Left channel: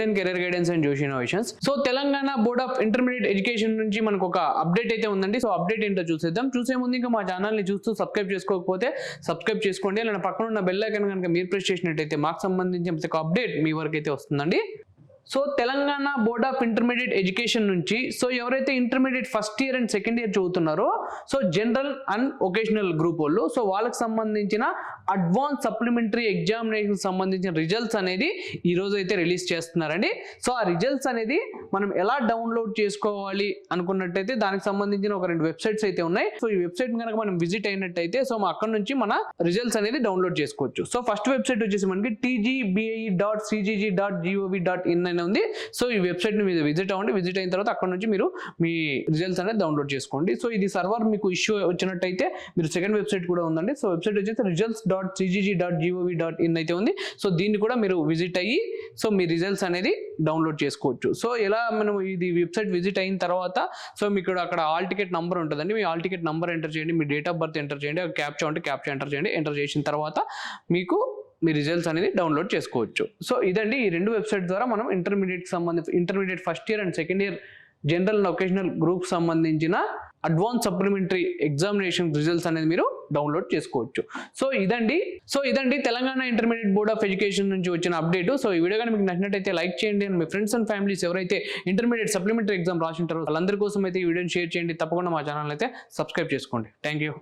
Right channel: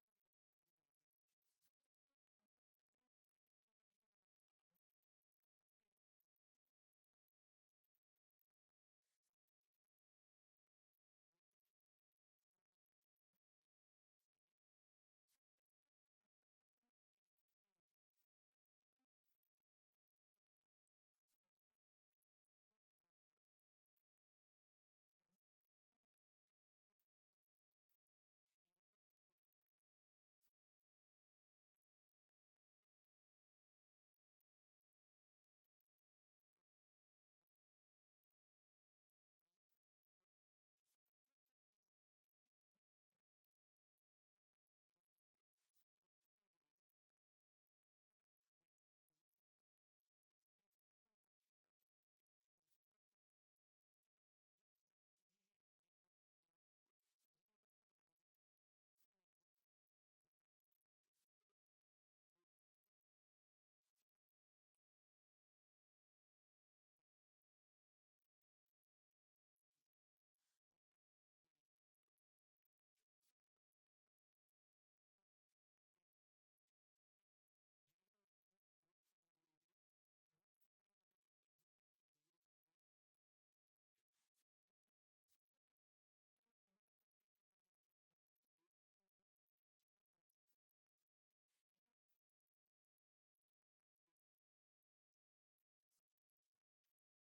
Genuine career guidance and Joshi innovations. So Telangana board of intermediate education నుంచి మనకు ఒక update అయితే ఉందండి. సో అప్డేట్ ఏంటో చూసేద్దాం. చూసే ముందు ఇంకా మా ఛానల్ ని చూస్తూ సబ్స్క్రైబ్ చేసుకోకపోతే సబ్స్క్రైబ్ చేసుకోండి. అలానే పక్కన ఉన్న బెల్ ఐకాన్ కనుక మీరు ప్రెస్ చేసినట్టయితే మాకు సంబంధించిన ప్రతి ఒక్క అప్డేట్ మీ వరకు అయితే వస్తుందండి. So Telangana board of intermediate education నుంచి సో ఎవరైతే intermediate first year and second year చదువుతున్నారో so general and vocational group వాళ్ళు సో వాళ్ళకి సంబంధించిన అడ్వాన్స్ సప్లిమెంటరీ ఎగ్జామినేషన్ సంబంధించిన రిజల్ట్స్ అనేది ఈ రోజు అయితే రిలీజ్ చేస్తున్నారండి. సో ఆ రిజల్ట్స్ అనేది మనం ఎలా డౌన్లోడ్ చేసుకోవాలి అనుకున్నట్టయితే దానికి సంబంధించిన ఒక 2 వెబ్సైట్స్ అయితే ఉన్నాయి. సో ఈ వెబ్సైట్ కనుక మనం విజిట్ అయినట్టయితే సో అక్కడ నుంచి మన రిజల్ట్స్ అనేది డౌన్లోడ్ చేసుకోవచ్చు. సో ఫస్ట్ వెబ్సైట్ వచ్చేసి మనకి tgbe.cgg.gov.in ఉంది. సో ఈ వెబ్సైట్ ని మీరు విజిట్ అవ్వండి. విజిట్ అయిన తర్వాత అక్కడ నుంచి మీరు మీ రిజల్ట్స్ అనేది డౌన్లోడ్ చేసుకోండి. సో ఇది సర్వర్ మీకు ఇష్యూ వచ్చినట్టయితే మీరు సెకండ్ వెబ్సైట్ కూడా ఉందండి. సో వెబ్సైట్ వచ్చేసి results.cgg.gov.in అయితే ఉంది. సో దీన్ని కూడా మీరు విజిట్ అయ్యి సో మీ రిజల్ట్స్ అనేది డౌన్లోడ్ చేసుకోవచ్చు. సో ఎలా మనం ఇది వెబ్సైట్ విజిట్ అయిన తర్వాత సో మీకు అక్కడ ఆల్ టికెట్ నంబర్ ఉంటుందండి. Me all ticket number enter చేయండి, మీ డేట్ ఆఫ్ బర్త్ ఎంటర్ చేయండి, క్యాప్చా ఉంటే క్యాప్చా ఎంటర్ చేయండి. ఎంటర్ చేసిన తర్వాత మీకు మీ రిజల్ట్స్ అనేది డౌన్లోడ్ చేసుకోవచ్చు. సో ఇదండి ఈ 2 వెబ్సైట్ ద్వారా మనం intermediate first year and second year general and vocational group సంబంధించిన అడ్వాన్స్ సప్లిమెంటరీ ఎగ్జామినేషన్ రిజల్ట్స్ అనేది మీరు డౌన్లోడ్ చేసుకోవచ్చు. సో ఇదండి Telangana intermediate board of education నుంచి వచ్చిన అప్డేట్. సో ఈ వీడియో కానీ మీకు నచ్చినట్టయితే లైక్ చేయండి. And me friends and families ఎవరైతే ఇంటర్మీడియట్ సప్లిమెంటరీ ఎగ్జామ్ రాసింటారో వాళ్ళందరి కోసం అయితే ఈ వీడియోని షేర్ చేయండి. తప్పకుండా మా ఛానల్ అయితే సబ్స్క్రైబ్ చేసుకోండి. Thank you.